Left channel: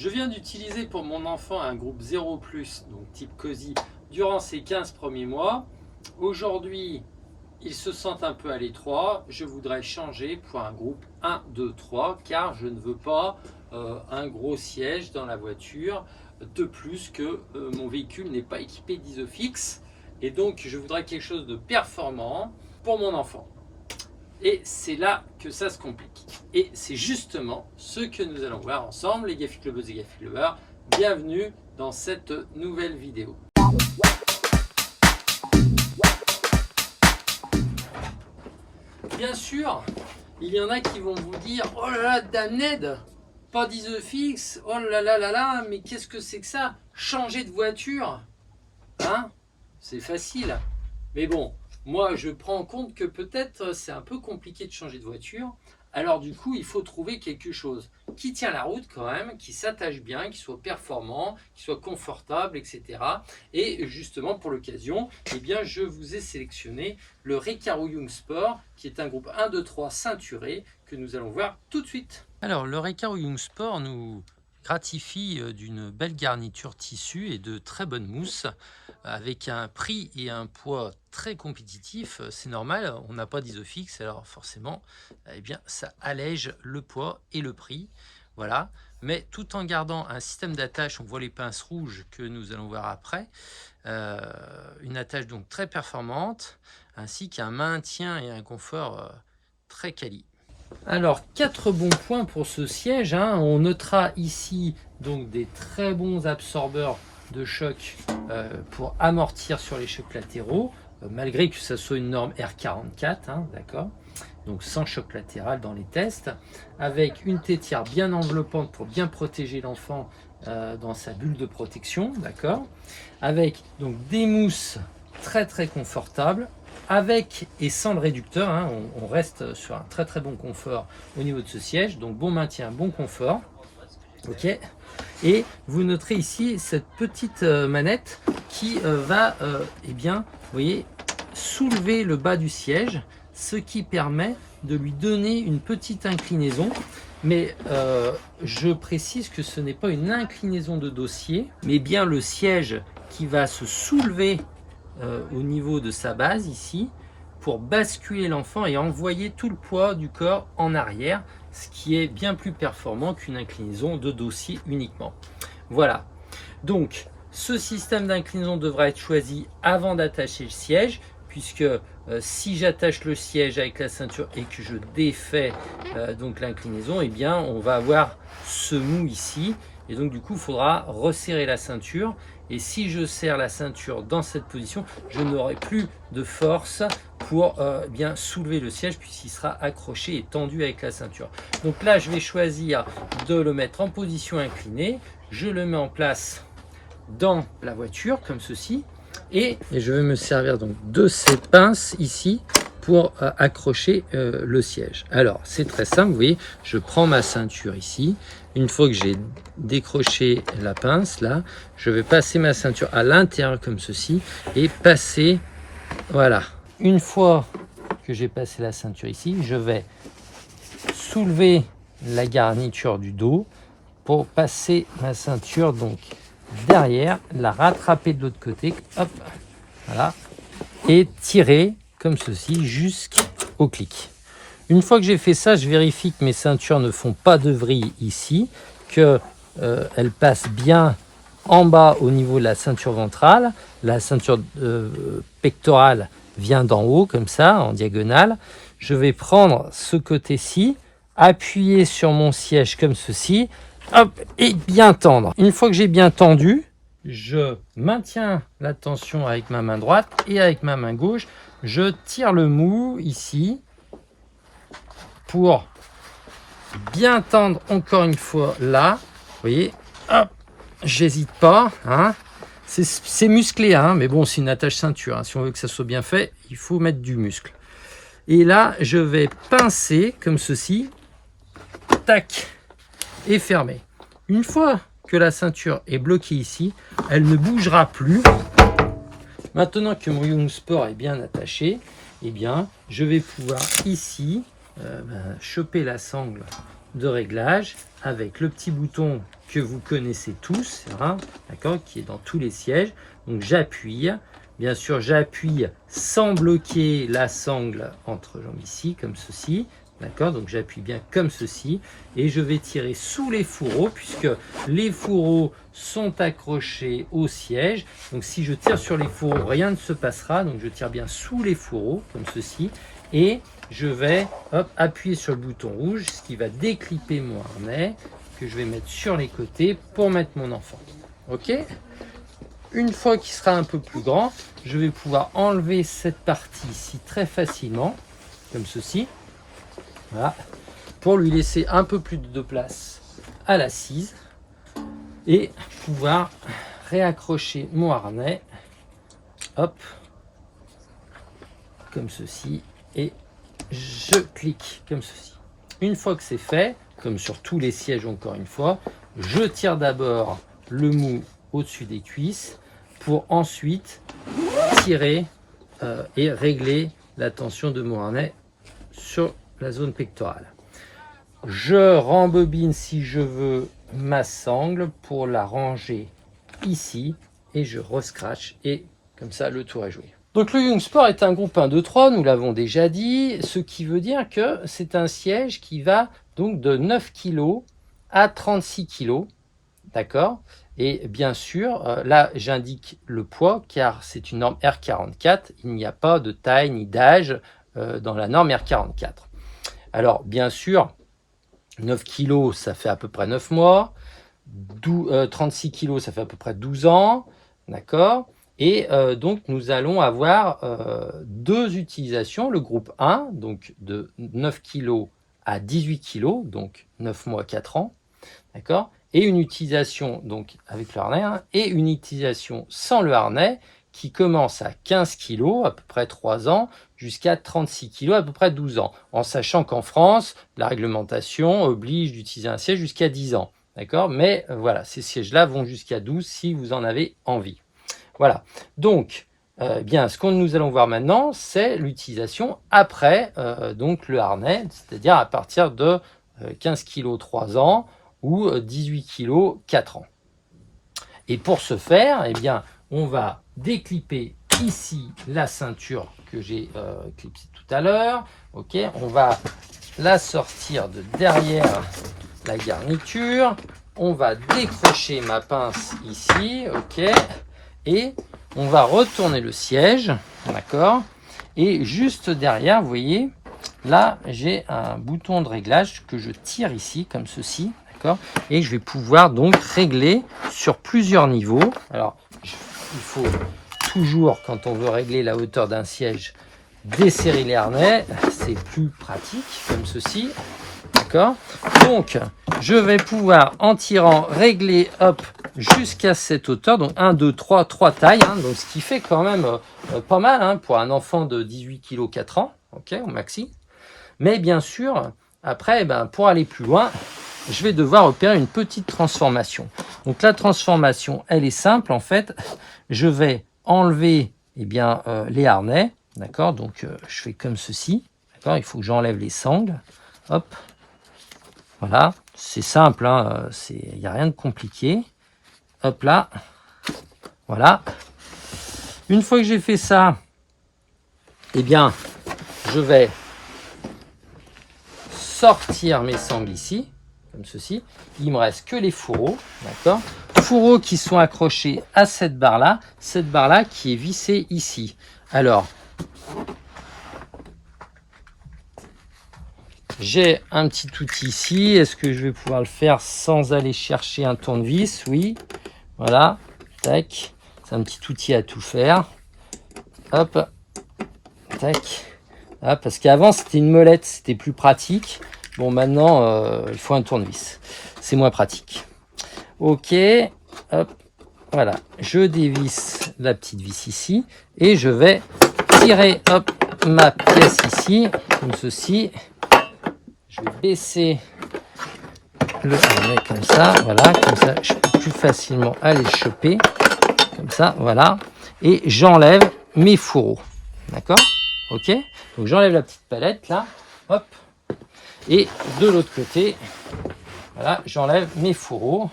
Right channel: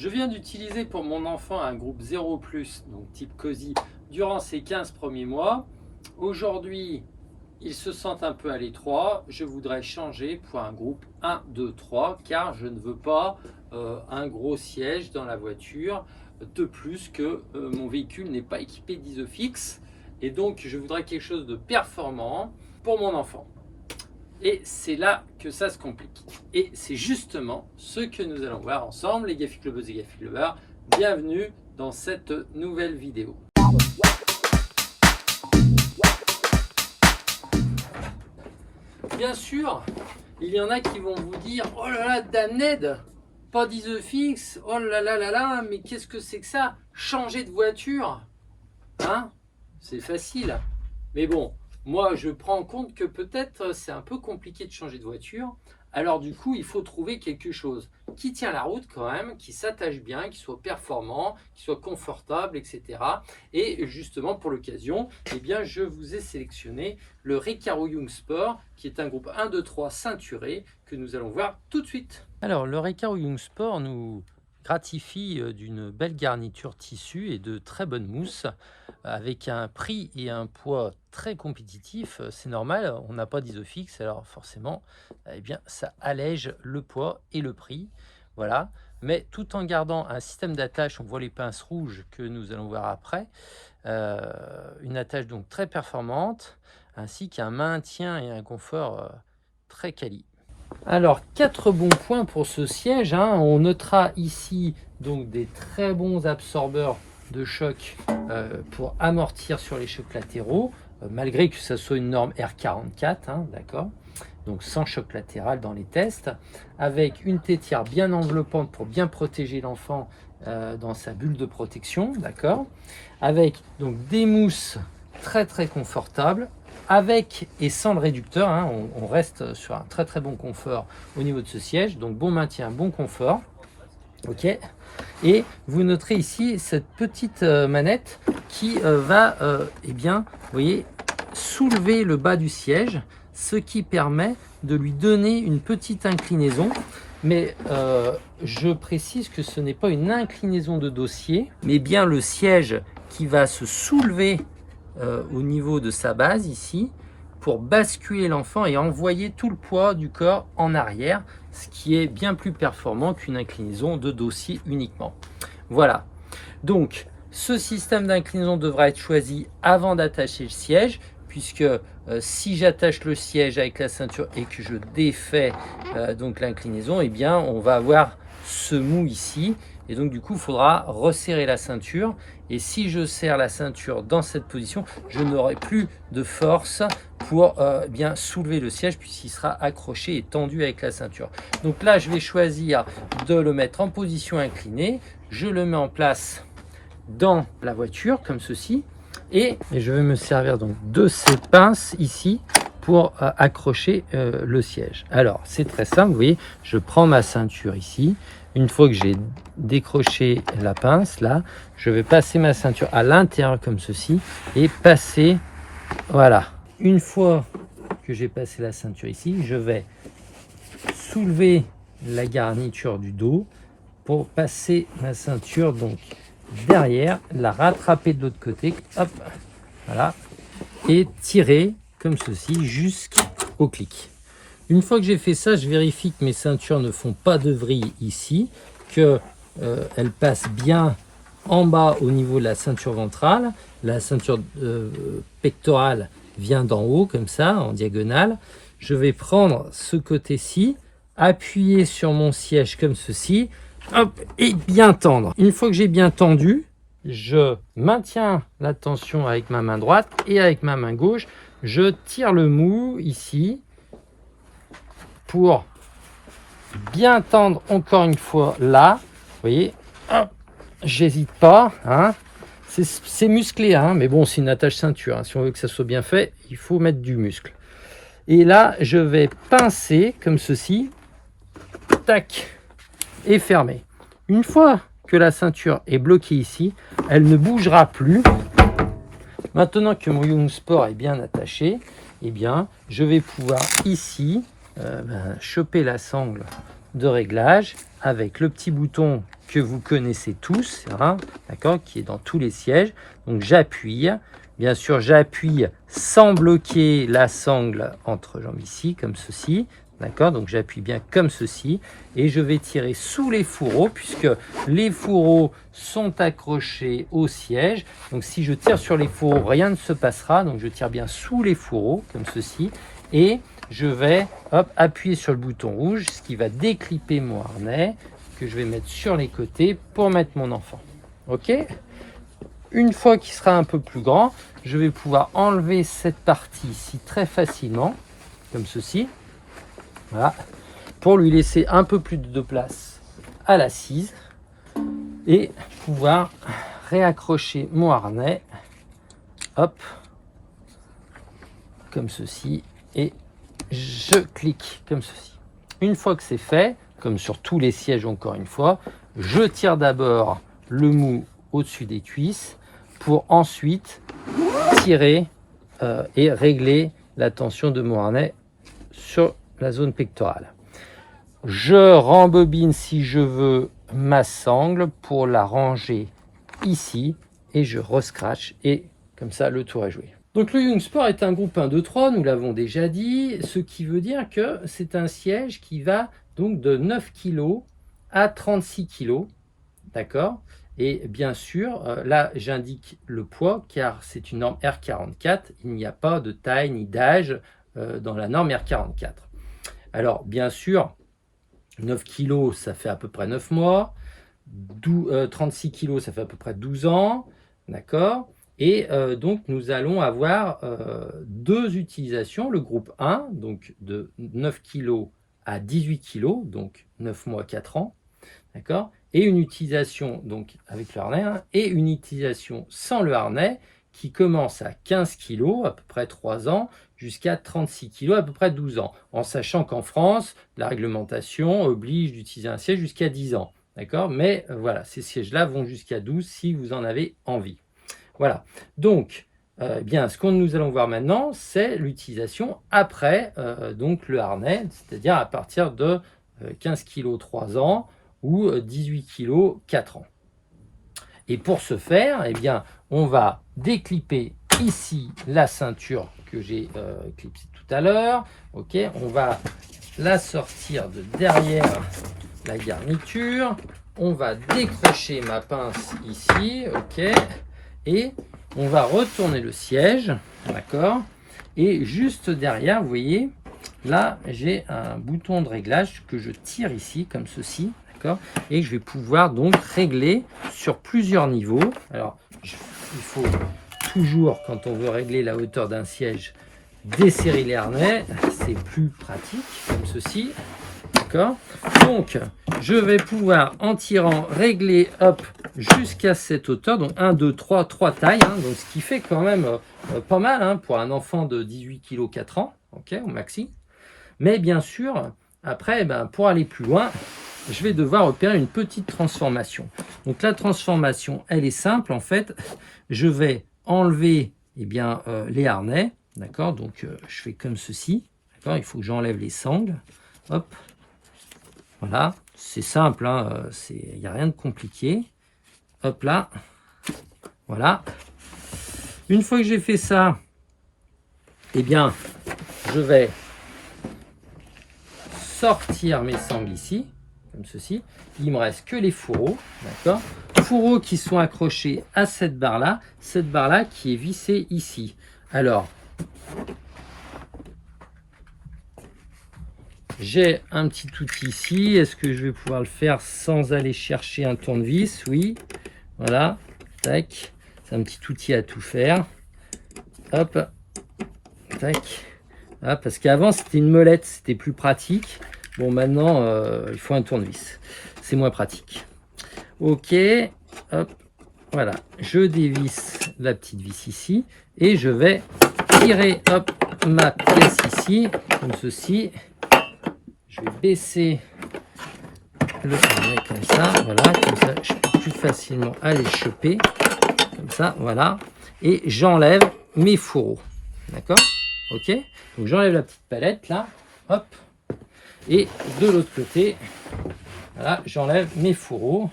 Je viens d'utiliser pour mon enfant un groupe 0+, donc type COSI, durant ces 15 premiers mois. Aujourd'hui, il se sent un peu à l'étroit. Je voudrais changer pour un groupe 1, 2, 3, car je ne veux pas un gros siège dans la voiture. De plus que mon véhicule n'est pas équipé d'Isofix. Et donc, je voudrais quelque chose de performant pour mon enfant. Et c'est là que ça se complique. Et c'est justement ce que nous allons voir ensemble, les Gaffi Clubbers et Gaffi Clubbers. Bienvenue dans cette nouvelle vidéo. Bien sûr, il y en a qui vont vous dire « Oh là là, damned, pas d'Isofix, oh là là là là, mais qu'est-ce que c'est que ça? Changer de voiture ?» Hein? C'est facile. Mais bon, moi je prends en compte que peut-être c'est un peu compliqué de changer de voiture. Alors du coup, il faut trouver quelque chose qui tient la route quand même, qui s'attache bien, qui soit performant, qui soit confortable, etc. Et justement pour l'occasion, eh bien, je vous ai sélectionné le Recaro Young Sport, qui est un groupe 1, 2, 3 ceinturé, que nous allons voir tout de suite. Alors le Recaro Young Sport nous gratifie d'une belle garniture tissu et de très bonne mousse, avec un prix et un poids très compétitif. C'est normal, on n'a pas d'Isofix, alors forcément, eh bien, ça allège le poids et le prix. Voilà, mais tout en gardant un système d'attache, on voit les pinces rouges que nous allons voir après, une attache donc très performante, ainsi qu'un maintien et un confort très quali. Alors, 4 bons points pour ce siège, hein. On notera ici donc des très bons absorbeurs de choc pour amortir sur les chocs latéraux, malgré que ça soit une norme R44, hein, d'accord, donc sans choc latéral dans les tests, avec une tétière bien enveloppante pour bien protéger l'enfant dans sa bulle de protection, d'accord, avec donc des mousses très très confortables, avec et sans le réducteur, hein, on reste sur un très très bon confort au niveau de ce siège, donc bon maintien, bon confort. Ok, et vous noterez ici cette petite manette qui va, eh bien, vous voyez, soulever le bas du siège, ce qui permet de lui donner une petite inclinaison. Mais je précise que ce n'est pas une inclinaison de dossier, mais bien le siège qui va se soulever au niveau de sa base ici, pour basculer l'enfant et envoyer tout le poids du corps en arrière, ce qui est bien plus performant qu'une inclinaison de dossier uniquement. Voilà, donc ce système d'inclinaison devra être choisi avant d'attacher le siège, puisque si j'attache le siège avec la ceinture et que je défais donc l'inclinaison, eh bien on va avoir ce mou ici, et donc du coup il faudra resserrer la ceinture, et si je serre la ceinture dans cette position, je n'aurai plus de force pour bien soulever le siège, puisqu'il sera accroché et tendu avec la ceinture. Donc là je vais choisir de le mettre en position inclinée, je le mets en place dans la voiture comme ceci, et je vais me servir donc de ces pinces ici pour accrocher le siège. Alors c'est très simple, vous voyez, je prends ma ceinture ici, une fois que j'ai décroché la pince là, je vais passer ma ceinture à l'intérieur comme ceci et passer, voilà, une fois que j'ai passé la ceinture ici, je vais soulever la garniture du dos pour passer ma ceinture donc derrière, la rattraper de l'autre côté, hop, voilà, et tirer comme ceci jusqu'au clic. Une fois que j'ai fait ça, je vérifie que mes ceintures ne font pas de vrille ici, qu'elles passent bien en bas au niveau de la ceinture ventrale, la ceinture pectorale vient d'en haut comme ça, en diagonale. Je vais prendre ce côté-ci, appuyer sur mon siège comme ceci, hop, et bien tendre. Une fois que j'ai bien tendu, je maintiens la tension avec ma main droite et avec ma main gauche, je tire le mou ici pour bien tendre encore une fois là. Vous voyez, hop, j'hésite pas, hein. C'est musclé, hein, mais bon, c'est une attache ceinture, hein. Si on veut que ça soit bien fait, il faut mettre du muscle. Et là, je vais pincer comme ceci, tac, et fermer. Une fois que la ceinture est bloquée ici, elle ne bougera plus. Maintenant que mon Young Sport est bien attaché, eh bien, je vais pouvoir ici choper la sangle de réglage avec le petit bouton que vous connaissez tous, hein, d'accord, qui est dans tous les sièges. Donc j'appuie, bien sûr j'appuie sans bloquer la sangle entre jambes ici, comme ceci, d'accord, donc j'appuie bien comme ceci, et je vais tirer sous les fourreaux, puisque les fourreaux sont accrochés au siège. Donc si je tire sur les fourreaux, rien ne se passera, donc je tire bien sous les fourreaux, comme ceci, et je vais appuyer sur le bouton rouge, ce qui va déclipper mon harnais, que je vais mettre sur les côtés pour mettre mon enfant. Ok ? Une fois qu'il sera un peu plus grand, je vais pouvoir enlever cette partie ici très facilement, comme ceci. Voilà, pour lui laisser un peu plus de place à l'assise et pouvoir réaccrocher mon harnais, hop, comme ceci, et je clique comme ceci. Une fois que c'est fait, comme sur tous les sièges encore une fois, je tire d'abord le mou au-dessus des cuisses pour ensuite tirer et régler la tension de mon harnais sur la zone pectorale. Je rembobine si je veux ma sangle pour la ranger ici et je rescratch et comme ça le tour est joué. Donc le Youngsport est un groupe 1, 2, 3, nous l'avons déjà dit, ce qui veut dire que c'est un siège qui va donc de 9 kg à 36 kg, d'accord? Et bien sûr, là j'indique le poids car c'est une norme R44, il n'y a pas de taille ni d'âge dans la norme R44. Alors bien sûr, 9 kg ça fait à peu près 9 mois, 36 kg ça fait à peu près 12 ans, d'accord? Et donc nous allons avoir deux utilisations, le groupe 1, donc de 9 kg à 18 kg, donc 9 mois, 4 ans, d'accord? Et une utilisation donc avec le harnais, hein, et une utilisation sans le harnais qui commence à 15 kg, à peu près 3 ans, jusqu'à 36 kg, à peu près 12 ans, en sachant qu'en France, la réglementation oblige d'utiliser un siège jusqu'à 10 ans, d'accord? Mais voilà, ces sièges-là vont jusqu'à 12 si vous en avez envie. Voilà, donc bien, ce que nous allons voir maintenant, c'est l'utilisation après donc le harnais, c'est-à-dire à partir de 15 kg 3 ans ou 18 kg 4 ans. Et pour ce faire, eh bien, on va déclipper ici la ceinture que j'ai clipsée tout à l'heure. Ok, on va la sortir de derrière la garniture. On va décrocher ma pince ici, ok, et on va retourner le siège, d'accord. Et juste derrière, vous voyez, là, j'ai un bouton de réglage que je tire ici, comme ceci. Et je vais pouvoir donc régler sur plusieurs niveaux. Alors, il faut toujours, quand on veut régler la hauteur d'un siège, desserrer les harnais. C'est plus pratique, comme ceci. D'accord. Donc, je vais pouvoir, en tirant, régler, hop, jusqu'à cette hauteur. Donc, 1, 2, 3 tailles. Hein, donc, ce qui fait quand même pas mal hein, pour un enfant de 18 kg 4 ans. Ok, au maxi. Mais bien sûr, après, pour aller plus loin, je vais devoir opérer une petite transformation. Donc la transformation, elle est simple en fait. Je vais enlever les harnais, d'accord. Donc je fais comme ceci, d'accord. Il faut que j'enlève les sangles, hop. Voilà, c'est simple, hein. Il n'y a rien de compliqué. Hop là, voilà. Une fois que j'ai fait ça, eh bien, je vais sortir mes sangles ici. Comme ceci, il me reste que les fourreaux, d'accord, fourreaux qui sont accrochés à cette barre là qui est vissée ici. Alors, j'ai un petit outil ici, est-ce que je vais pouvoir le faire sans aller chercher un tournevis? Oui, voilà, tac, c'est un petit outil à tout faire, hop, tac, ah, parce qu'avant c'était une molette, c'était plus pratique. Bon, maintenant, il faut un tournevis. C'est moins pratique. Ok, hop, voilà. Je dévisse la petite vis ici et je vais tirer, hop, ma pièce ici, comme ceci. Je vais baisser le harnais comme ça, voilà, comme ça, je peux plus facilement aller le choper, comme ça, voilà. Et j'enlève mes fourreaux, d'accord? Ok, donc j'enlève la petite palette là, hop. Et de l'autre côté, voilà, j'enlève mes fourreaux.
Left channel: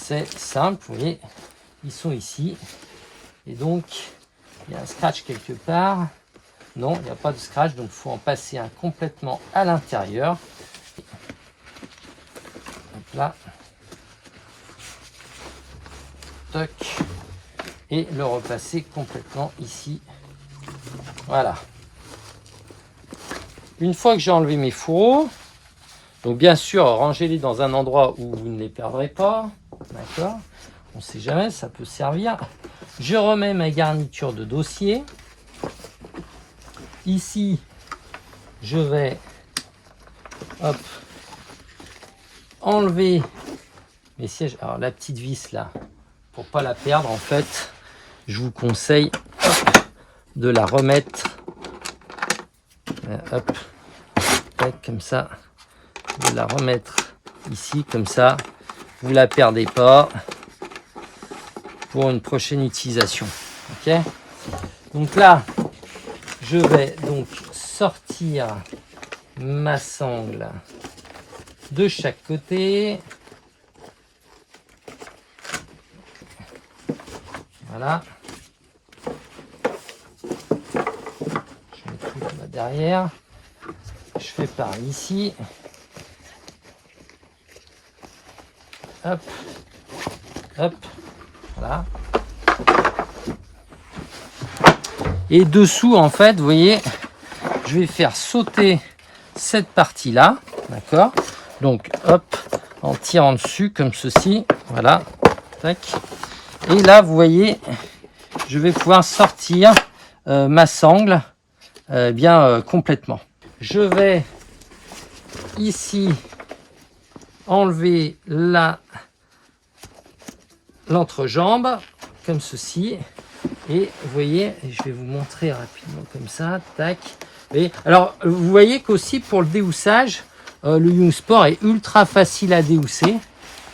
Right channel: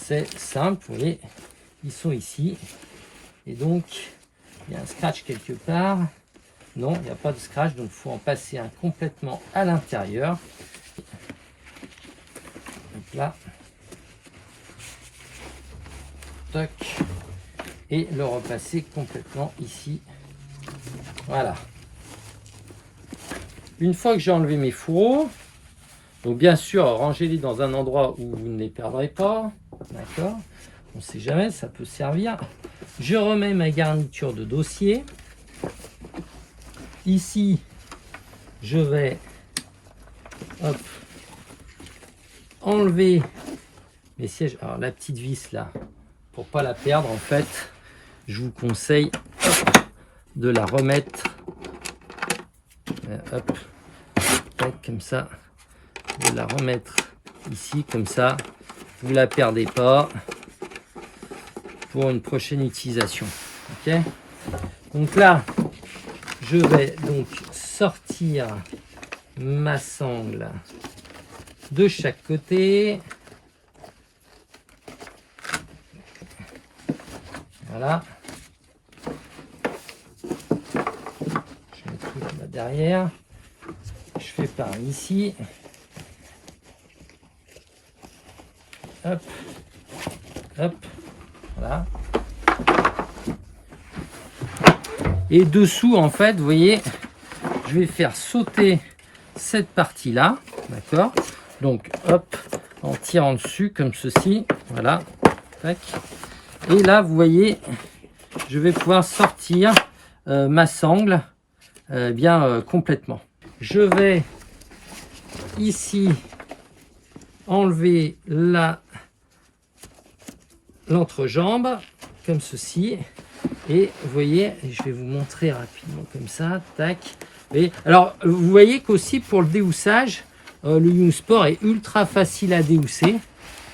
c'est simple, vous voyez, ils sont ici. Et donc, il y a un scratch quelque part. Non, il n'y a pas de scratch, donc il faut en passer un complètement à l'intérieur. Donc là. Toc. Et le repasser complètement ici. Voilà. Une fois que j'ai enlevé mes fourreaux, donc bien sûr, rangez-les dans un endroit où vous ne les perdrez pas. D'accord? On ne sait jamais, ça peut servir. Je remets ma garniture de dossier. Ici, je vais enlever mes sièges. Alors la petite vis là, pour pas la perdre, en fait, je vous conseille de la remettre comme ça, de la remettre ici comme ça, vous la perdez pas pour une prochaine utilisation. Ok, donc là je vais donc sortir ma sangle de chaque côté. Voilà, je mets tout là-bas derrière. Je fais par ici. Hop, hop, voilà. Et dessous, en fait, vous voyez, je vais faire sauter cette partie-là, d'accord? Donc, hop, en tirant dessus, comme ceci, voilà, tac. Et là, vous voyez, je vais pouvoir sortir ma sangle complètement. Je vais ici enlever l'entrejambe comme ceci, et vous voyez, je vais vous montrer rapidement comme ça, tac. Et alors vous voyez qu'aussi pour le déhoussage, le Young Sport est ultra facile à déhousser,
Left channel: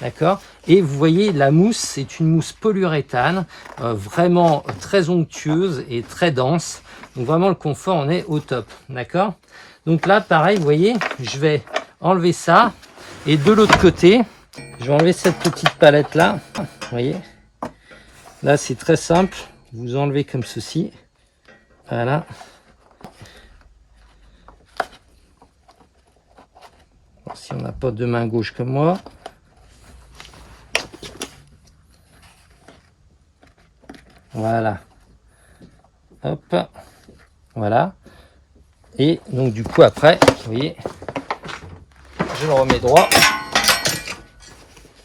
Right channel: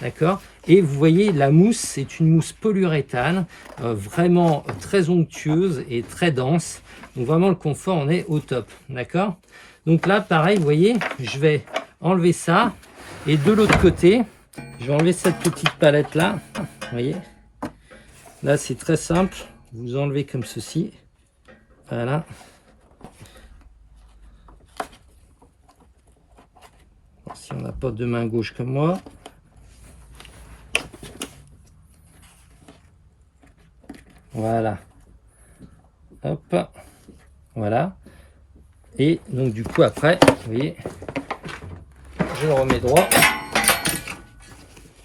d'accord. Et vous voyez, la mousse, c'est une mousse polyuréthane, vraiment très onctueuse et très dense. Donc vraiment le confort, on est au top, d'accord. Donc là, pareil, vous voyez, je vais enlever ça. Et de l'autre côté, je vais enlever cette petite palette là. Vous voyez, là c'est très simple. Vous enlevez comme ceci. Voilà. Bon, si on n'a pas de main gauche comme moi. Voilà. Hop. Voilà. Et donc du coup après, vous voyez, je le remets droit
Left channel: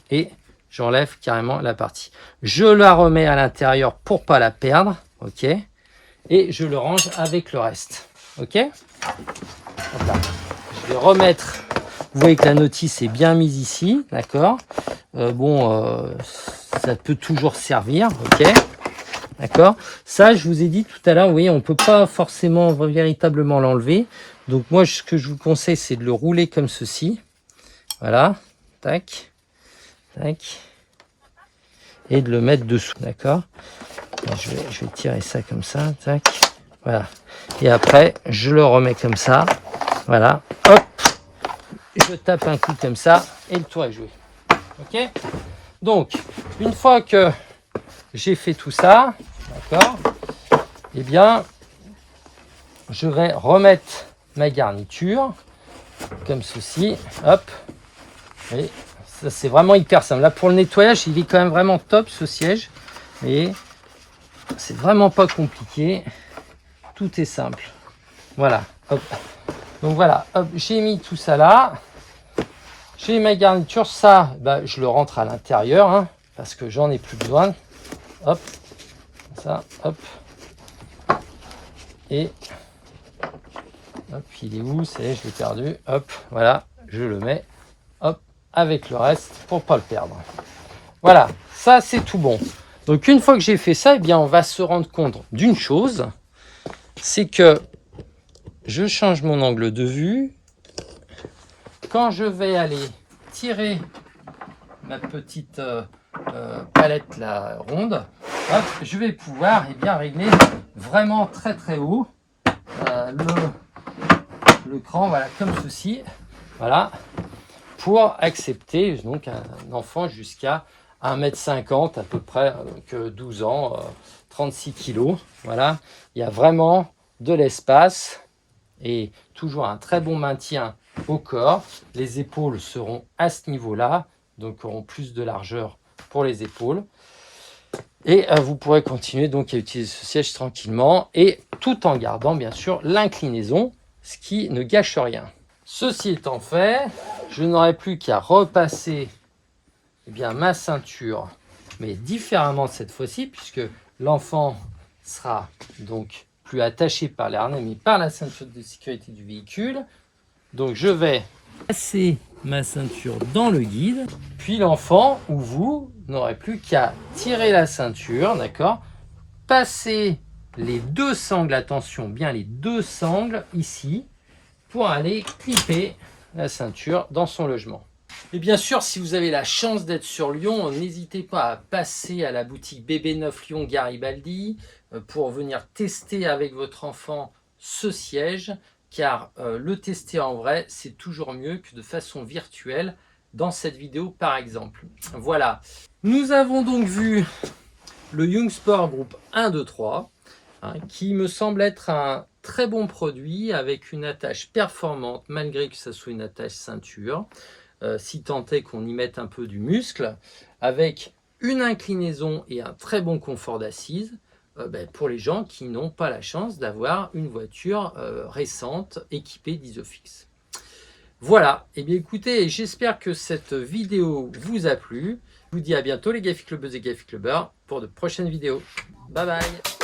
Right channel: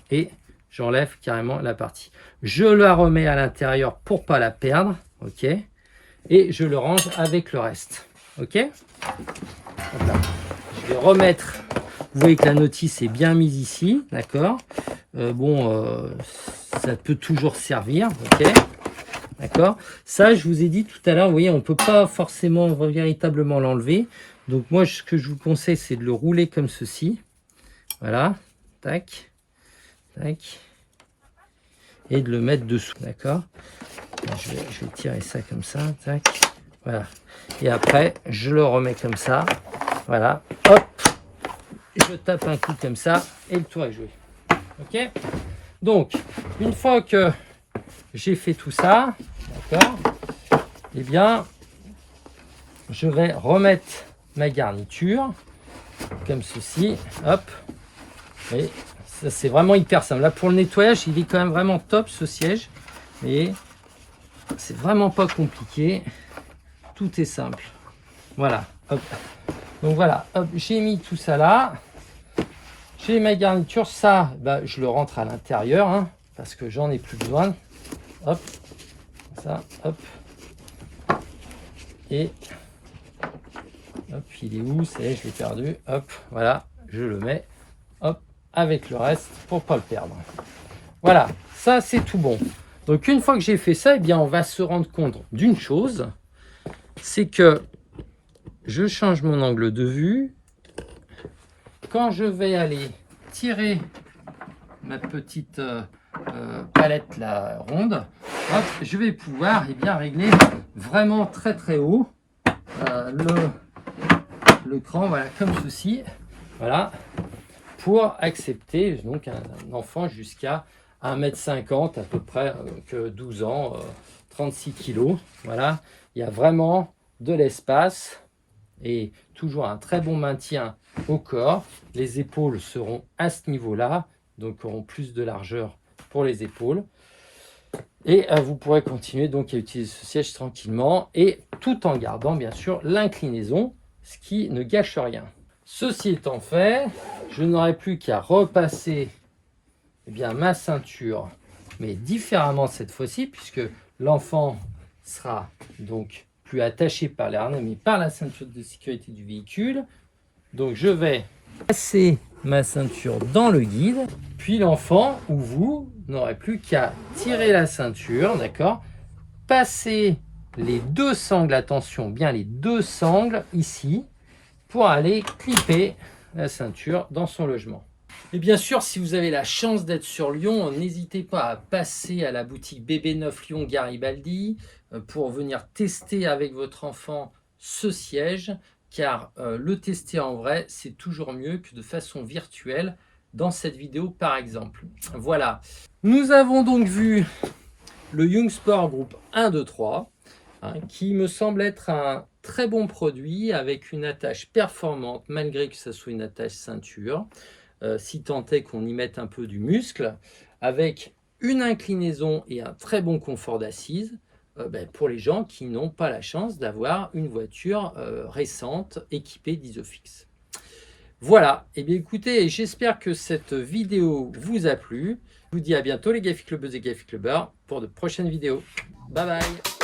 et j'enlève carrément la partie. Je la remets à l'intérieur pour pas la perdre, ok. Et je le range avec le reste, ok. Voilà. Je vais remettre. Vous voyez que la notice est bien mise ici, d'accord. Ça peut toujours servir, ok. D'accord. Ça, je vous ai dit tout à l'heure, vous voyez, on ne peut pas forcément véritablement l'enlever. Donc moi, ce que je vous conseille, c'est de le rouler comme ceci. Voilà. Tac. Tac. Et de le mettre dessous. D'accord. Je vais tirer ça comme ça. Tac. Voilà. Et après, je le remets comme ça. Voilà. Hop. Je tape un coup comme ça. Et le tour est joué. Ok. Donc, une fois que j'ai fait tout ça, d'accord, eh bien, je vais remettre ma garniture comme ceci, hop, et ça c'est vraiment hyper simple. Là pour le nettoyage, il est quand même vraiment top ce siège, et c'est vraiment pas compliqué, tout est simple. Voilà, hop. Donc voilà, hop, j'ai mis tout ça là, j'ai ma garniture, ça, je le rentre à l'intérieur, hein, parce que j'en ai plus besoin. Hop, ça, hop, et hop, il est où? Ça y est, je l'ai perdu. Hop, voilà, je le mets, hop, avec le reste pour pas le perdre. Voilà, ça c'est tout bon. Donc une fois que j'ai fait ça, eh bien on va se rendre compte d'une chose, c'est que je change mon angle de vue. Quand je vais aller tirer ma petite palette la ronde, hop, je vais pouvoir régler vraiment très très haut le cran, voilà, comme ceci, voilà, pour accepter donc un enfant jusqu'à 1,50 m à peu près, donc 12 ans, 36 kg. Voilà, il y a vraiment de l'espace et toujours un très bon maintien au corps. Les épaules seront à ce niveau-là, donc auront plus de largeur pour les épaules. Et vous pourrez continuer donc à utiliser ce siège tranquillement et tout en gardant bien sûr l'inclinaison, ce qui ne gâche rien. Ceci étant fait, je n'aurai plus qu'à repasser ma ceinture, mais différemment cette fois-ci, puisque l'enfant sera donc plus attaché par les harnais, mais par la ceinture de sécurité du véhicule. Donc je vais passer ma ceinture dans le guide, puis l'enfant ou vous n'aurez plus qu'à tirer la ceinture, d'accord, passer les deux sangles, attention, bien les deux sangles ici, pour aller clipper la ceinture dans son logement. Et bien sûr, si vous avez la chance d'être sur Lyon, n'hésitez pas à passer à la boutique Bébé Neuf Lyon Garibaldi pour venir tester avec votre enfant ce siège, car le tester en vrai, c'est toujours mieux que de façon virtuelle dans cette vidéo par exemple. Voilà, nous avons donc vu le Young Sport Group 1, 2, 3, qui me semble être un très bon produit avec une attache performante malgré que ce soit une attache ceinture. Si tant est qu'on y mette un peu du muscle, avec une inclinaison et un très bon confort d'assise pour les gens qui n'ont pas la chance d'avoir une voiture récente équipée d'Isofix. Voilà, et bien écoutez, j'espère que cette vidéo vous a plu. Je vous dis à bientôt les Gafi Clubbeuses et Gafi Clubbeurs pour de prochaines vidéos. Bye bye.